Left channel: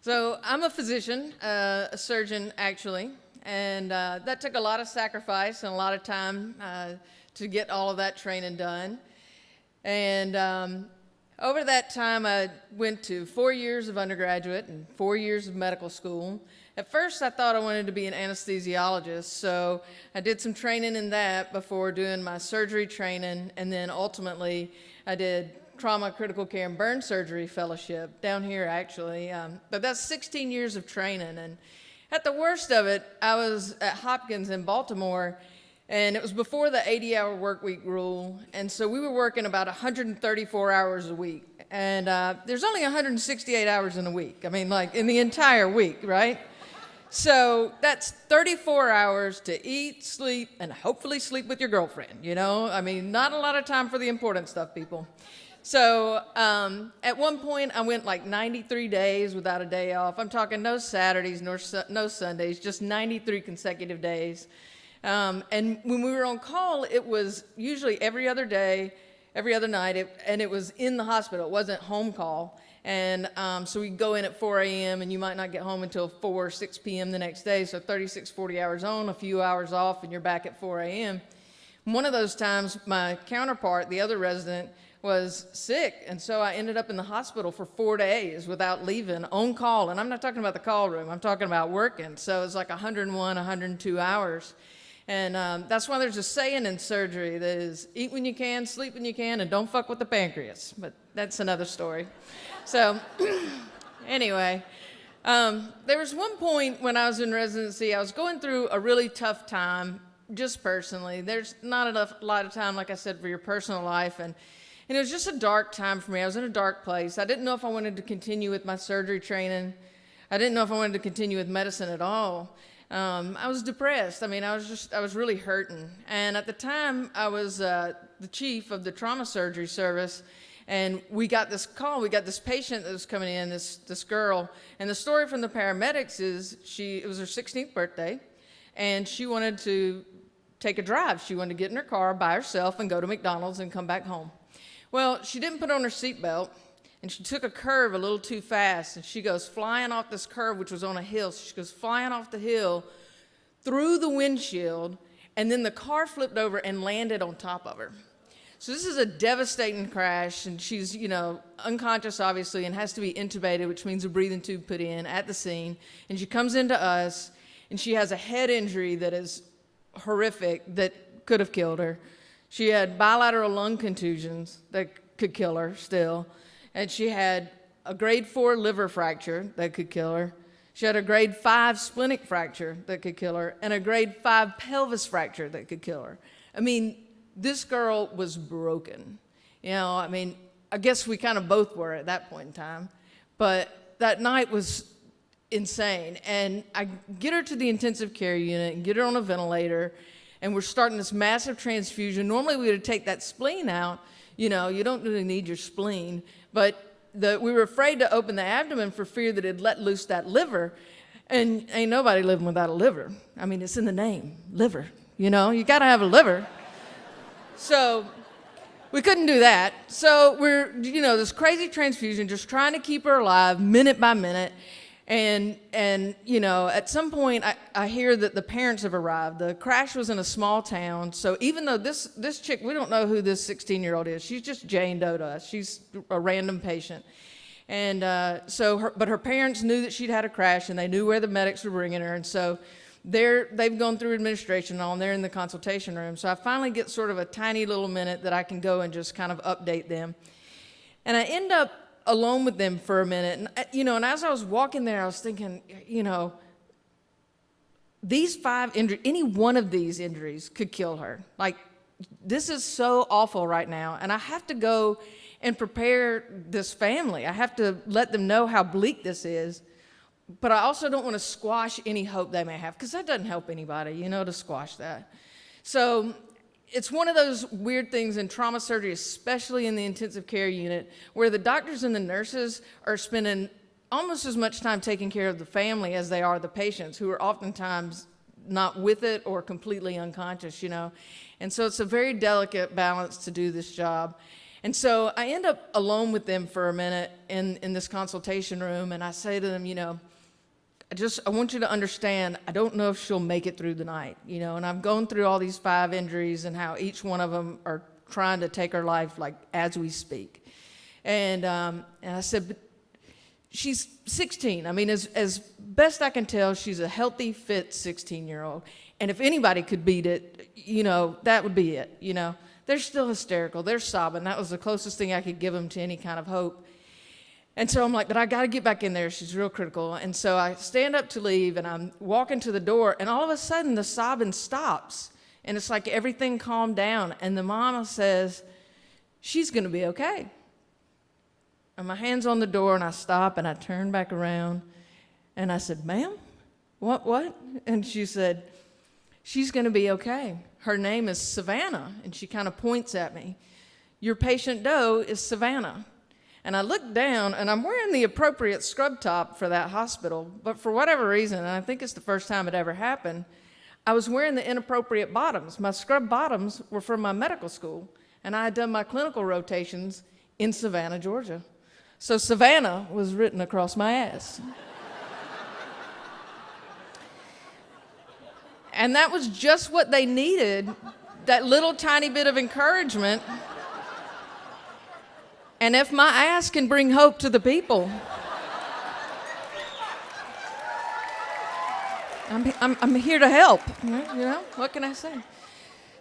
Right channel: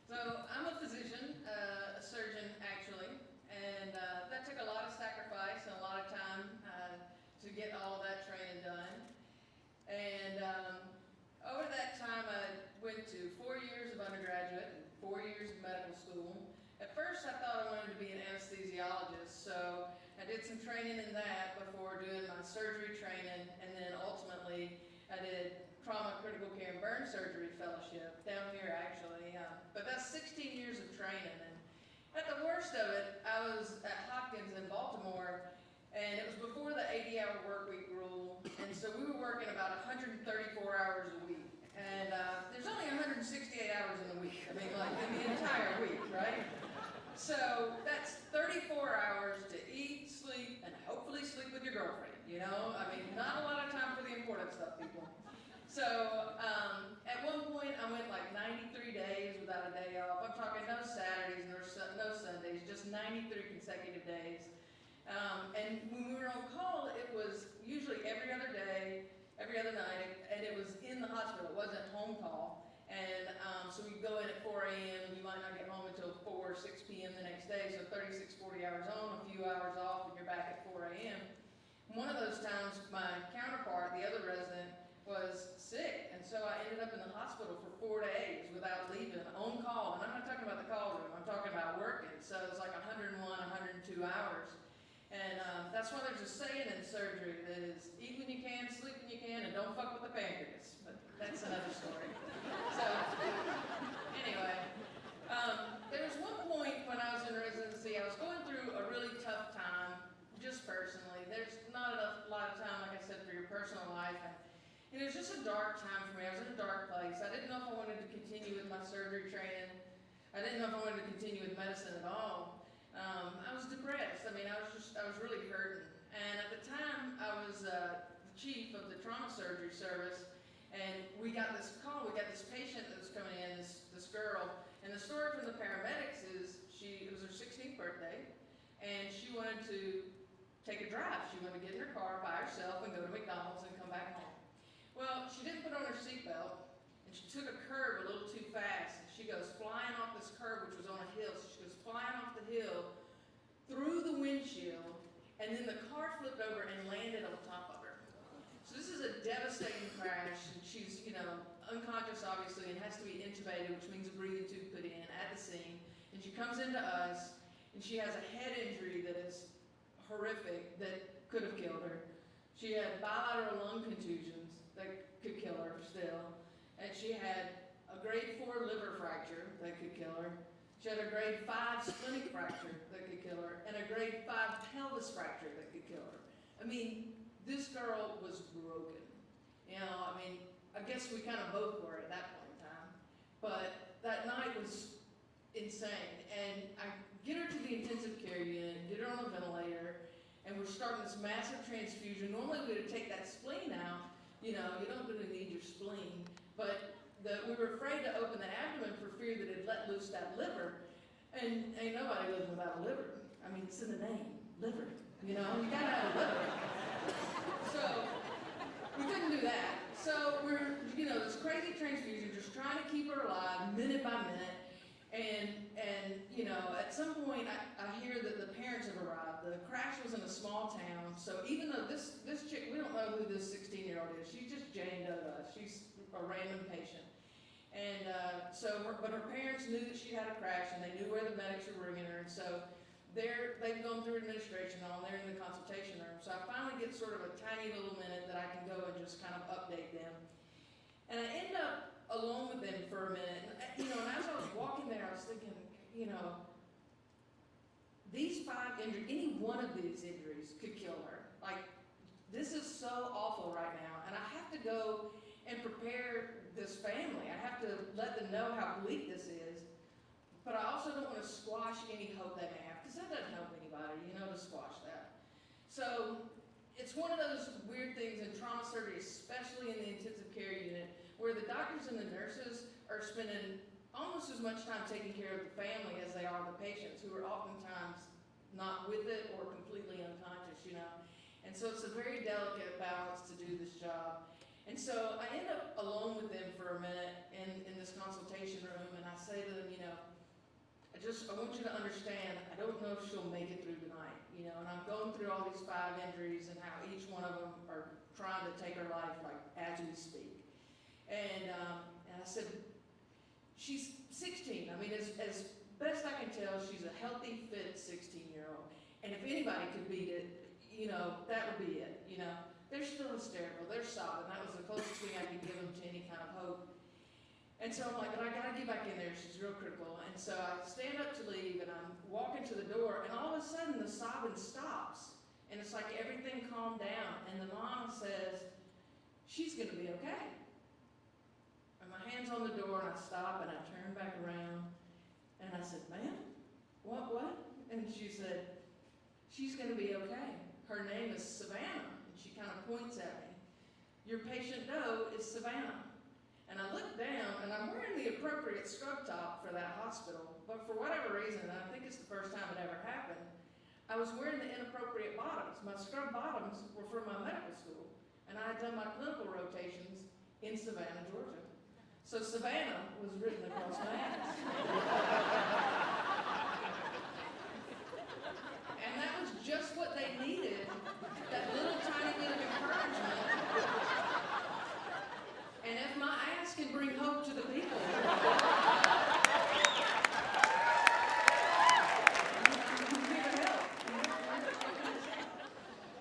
So I'm a physician, a surgeon actually, and that took a lot of sacrifice and a lot of time to get all of that training done. And over that time, I went to 4 years of undergraduate and 4 years of medical school. At first, I thought I wanted to be an anesthesiologist, so I did some training in that before doing my surgery training, and then ultimately I did trauma, critical care, and burn surgery fellowship down here actually. But that's 16 years of training, and at the worst of it, I was at Hopkins in Baltimore, and it was before the 80-hour work week rule, and so we were working about 134 hours a week. And there's only 168 hours in a week. I mean, like in the entire week, right? So that's 34 hours to eat, sleep, and hopefully sleep with your girlfriend, you know? I mean, not a lot of time for the important stuff, people. So at one point, I went like 93 days without a day off. I'm talking no Saturdays, no Sundays, just 93 consecutive days. And when we were on call, it was usually every other day, every other night, and it was in the hospital. It wasn't home call. And so we'd go in at 4 a.m. and you might not get home until 4 or 6 p.m. the next day. So 36, 40 hours on, a few hours off, and you're back at 4 a.m. One of those times, my counterpart, the other resident, was sick. And so I ended up in the hospital for 4 days without leaving, on call. And I'm not talking about the call room. I'm talking about working. So it's like 101, 102 hours. And that's why there's a saying in surgery that is, eat when you can, sleep when you can, and don't fuck with the pancreas. But that's another story. So anyway, there was one point when I was in residency, I was going through a really tough time, just personally. There's not a lot of time, like I said, for your personal life. And it was just a dark time for me. I was in a dark place. I didn't know if I wanted to continue with my surgery training. I didn't know if I wanted to continue with medicine at all. I was depressed. I mean, I was really hurting. And at the time, I was the chief of the trauma surgery service. And we got this call, we got this patient that was coming in, this girl. And the story from the paramedics is it was her 16th birthday, and she wanted to take a drive. She wanted to get in her car by herself and go to McDonald's and come back home. Well, she didn't put on her seatbelt, and she took a curve a little too fast, and she goes flying off this curve, which was on a hill. So she goes flying off the hill through the windshield, and then the car flipped over and landed on top of her. So this is a devastating crash, and she's, unconscious, obviously, and has to be intubated, which means a breathing tube put in at the scene. And she comes into us, and she has a head injury that is horrific that could have killed her. She had bilateral lung contusions that could kill her still. And she had a grade 4 liver fracture that could kill her. She had a grade 5 splenic fracture that could kill her, and a grade 5 pelvis fracture that could kill her. I mean, this girl was broken. I guess we kind of both were at that point in time. But that night was insane. And I get her to the intensive care unit and get her on a ventilator, and we're starting this massive transfusion. Normally we would take that spleen out. You don't really need your spleen. But we were afraid to open the abdomen for fear that it'd let loose that liver. And ain't nobody living without a liver. I mean, it's in the name, liver. You got to have a liver. So we couldn't do that. So we're, this crazy transfusion, just trying to keep her alive minute by minute. And at some point I hear that the parents have arrived. The crash was in a small town. So even though this chick, we don't know who this 16-year-old is. She's just Jane Doe to us. She's a random patient. And but her parents knew that she'd had a crash, and they knew where the medics were bringing her. And so they've gone through administration and all, and they're in the consultation room. So I finally get sort of a tiny little minute that I can go and just kind of update them. And I end up alone with them for a minute. And, and as I was walking there, I was thinking, these 5 injuries, any one of these injuries could kill her. Like, this is so awful right now. And I have to go and prepare this family. I have to let them know how bleak this is. But I also don't want to squash any hope they may have, because that doesn't help anybody, to squash that. So it's one of those weird things in trauma surgery, especially in the intensive care unit, where the doctors and the nurses are spending almost as much time taking care of the family as they are the patients, who are oftentimes not with it or completely unconscious, And so it's a very delicate balance to do this job. And so I end up alone with them for a minute in this consultation room, and I say to them, I want you to understand, I don't know if she'll make it through the night, and I've gone through all these 5 injuries and how each one of them are trying to take her life, like, as we speak. And I said, but she's 16. I mean, as best I can tell, she's a healthy, fit 16-year-old. And if anybody could beat it, that would be it, They're still hysterical. They're sobbing. That was the closest thing I could give them to any kind of hope. And so I'm like, but I got to get back in there. She's real critical. And so I stand up to leave, and I'm walking to the door, and all of a sudden the sobbing stops. And it's like everything calmed down. And the mama says, she's going to be okay. And my hand's on the door, and I stop, and I turn back around. And I said, ma'am, what? And she said, she's going to be okay. Her name is Savannah. And she kind of points at me. Your patient Doe is Savannah. And I look down, and I'm wearing the appropriate scrub top for that hospital. But for whatever reason, and I think it's the first time it ever happened, I was wearing the inappropriate bottoms. My scrub bottoms were from my medical school. And I had done my clinical rotations in Savannah, Georgia. So Savannah was written across my ass. And that was just what they needed, that little tiny bit of encouragement. And if my ass can bring hope to the people, I'm here to help. What can I say?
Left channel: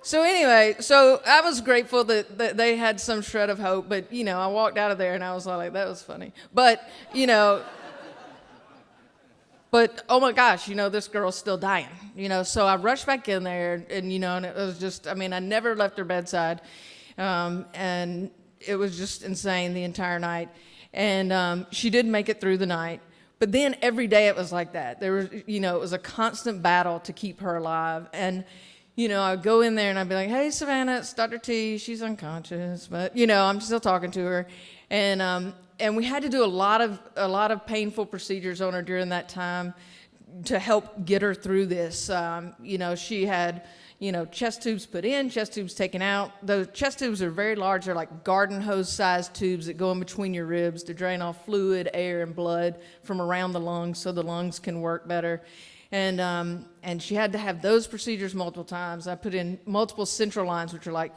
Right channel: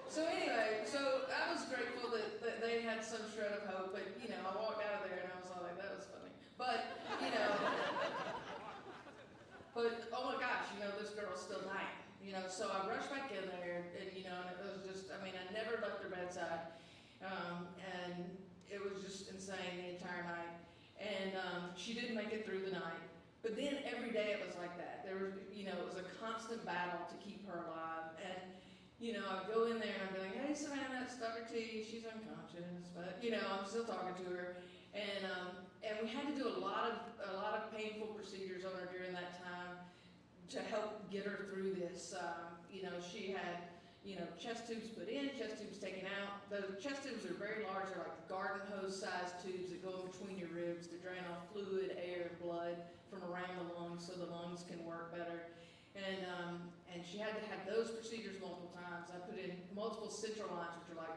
So anyway, I was grateful that they had some shred of hope, but, I walked out of there and I was like, that was funny. But, but oh my gosh, this girl's still dying, So I rushed back in there and it was just, I never left her bedside. And it was just insane the entire night. And she did make it through the night. But then every day it was like that. There was, it was a constant battle to keep her alive. And, I'd go in there and I'd be like, hey, Savannah, it's Dr. T. She's unconscious. But, I'm still talking to her. And we had to do a lot of painful procedures on her during that time to help get her through this. She had, chest tubes put in, chest tubes taken out. The chest tubes are very large. They're like garden hose-sized tubes that go in between your ribs to drain off fluid, air, and blood from around the lungs so the lungs can work better. And she had to have those procedures multiple times. I put in multiple central lines, which are like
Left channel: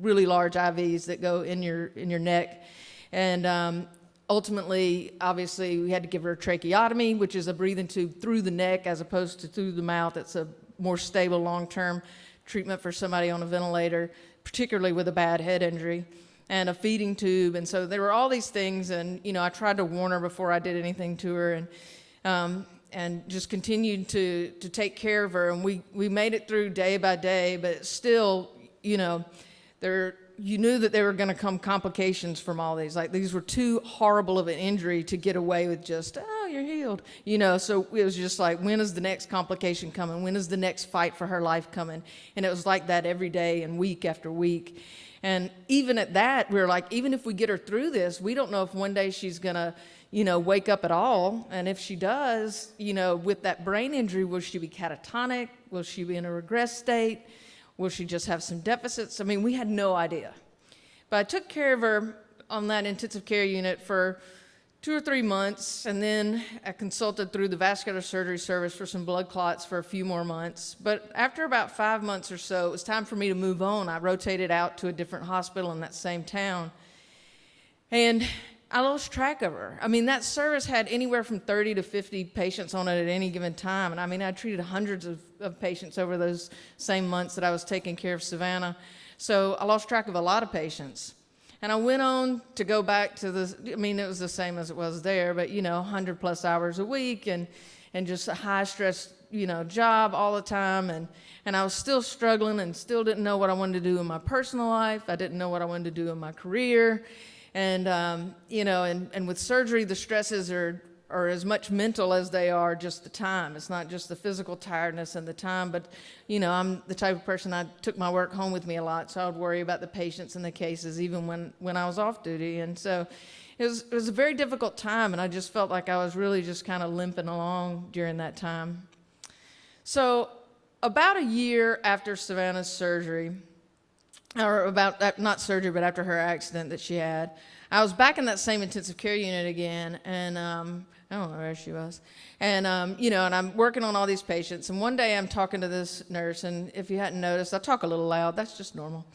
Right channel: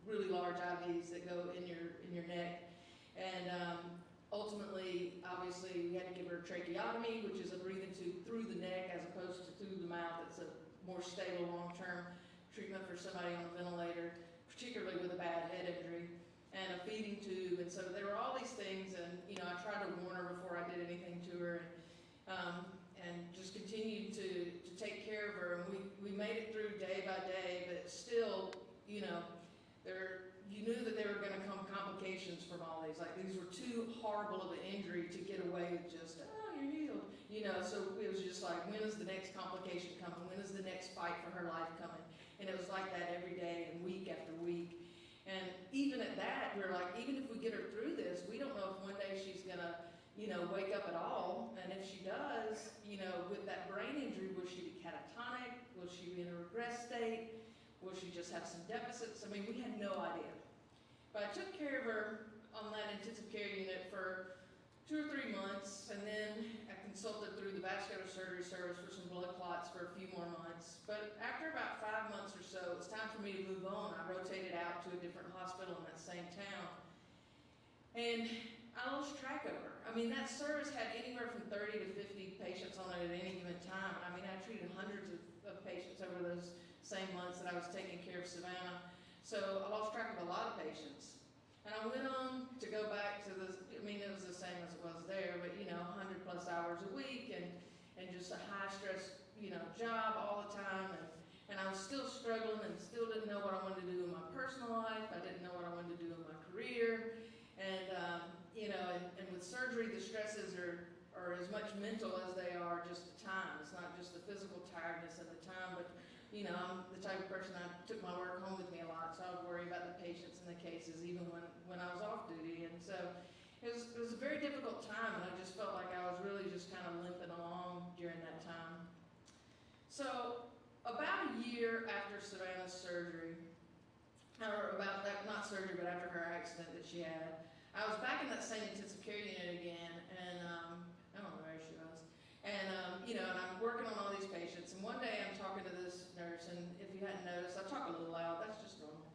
really large IVs that go in your neck. And ultimately, obviously, we had to give her a tracheotomy, which is a breathing tube through the neck as opposed to through the mouth. It's a more stable long-term treatment for somebody on a ventilator, particularly with a bad head injury, and a feeding tube. And so there were all these things, and I tried to warn her before I did anything to her, and just continued to take care of her. And we made it through day by day, but still, you knew that there were going to come complications from all these. Like, these were too horrible of an injury to get away with just, oh, you're healed. So it was just like, when is the next complication coming? When is the next fight for her life coming? And it was like that every day and week after week. And even at that, we were like, even if we get her through this, we don't know if one day she's going to, wake up at all. And if she does, with that brain injury, will she be catatonic? Will she be in a regress state? Will she just have some deficits? We had no idea. But I took care of her on that intensive care unit for 2 or 3 months, and then I consulted through the vascular surgery service for some blood clots for a few more months. But after about 5 months or so, it was time for me to move on. I rotated out to a different hospital in that same town. And I lost track of her. That service had anywhere from 30 to 50 patients on it at any given time. And I treated hundreds of patients over those same months that I was taking care of Savannah. So I lost track of a lot of patients. And I went on to go back to it was the same as it was there, but 100 plus hours a week and just a high stress, job all the time. And I was still struggling and still didn't know what I wanted to do in my personal life. I didn't know what I wanted to do in my career. And, and with surgery, the stresses are as much mental as they are just the time. It's not just the physical tiredness and the time, but, I'm the type of person, I took my work home with me a lot, so I would worry about the patients and the cases even when I was off duty. And so it was a very difficult time, and I just felt like I was really just kind of limping along during that time. So about a year after Savannah's surgery, or about, not surgery, but after her accident that she had. I was back in that same intensive care unit again, and I don't know where she was. And, and I'm working on all these patients. And one day I'm talking to this nurse, and if you hadn't noticed, I talk a little loud. That's just normal.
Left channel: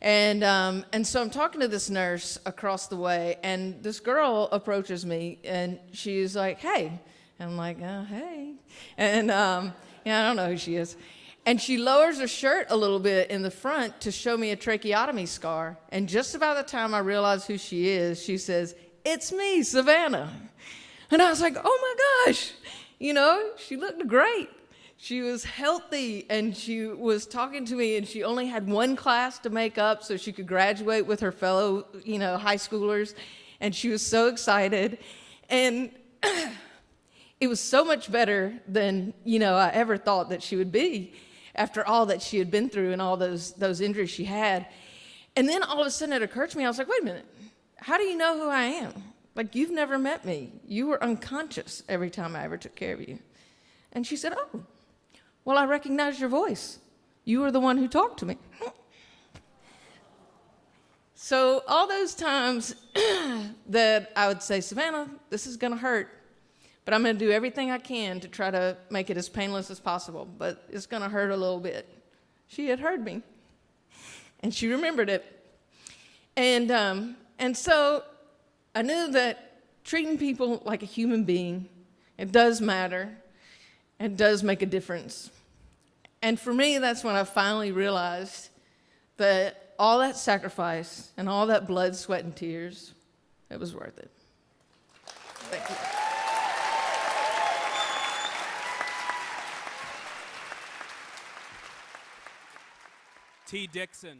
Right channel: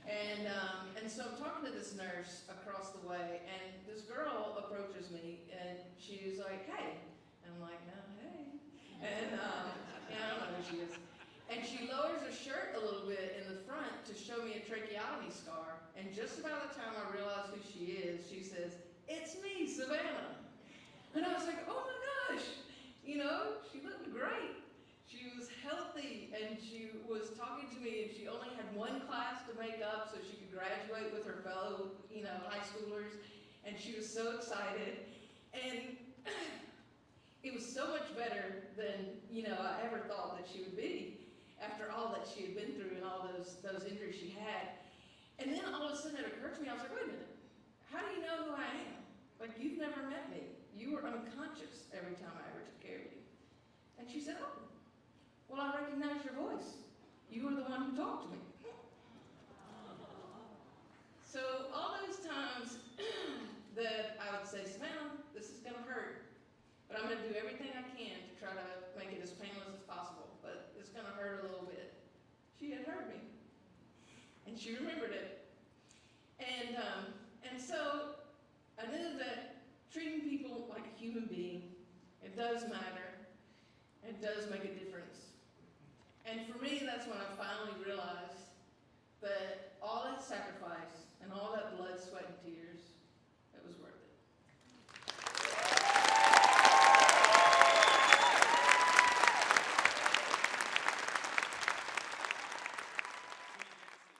And so I'm talking to this nurse across the way, and this girl approaches me, and she's like, hey. And I'm like, hey. And, I don't know who she is. And she lowers her shirt a little bit in the front to show me a tracheotomy scar. And just about the time I realize who she is, she says, it's me, Savannah. And I was like, oh my gosh. She looked great. She was healthy, and she was talking to me, and she only had one class to make up so she could graduate with her fellow, high schoolers. And she was so excited. And it was so much better than, I ever thought that she would be after all that she had been through and all those injuries she had. And then all of a sudden it occurred to me, I was like, wait a minute, how do you know who I am? Like, you've never met me. You were unconscious every time I ever took care of you. And she said, oh, well, I recognize your voice. You were the one who talked to me. So all those times that I would say, Savannah, this is going to hurt, but I'm going to do everything I can to try to make it as painless as possible, but it's going to hurt a little bit. She had heard me, and she remembered it. And so I knew that treating people like a human being, it does matter. It does make a difference. And for me, that's when I finally realized that all that sacrifice and all that blood, sweat, and tears, it was worth it. Thank you. T. Dixon.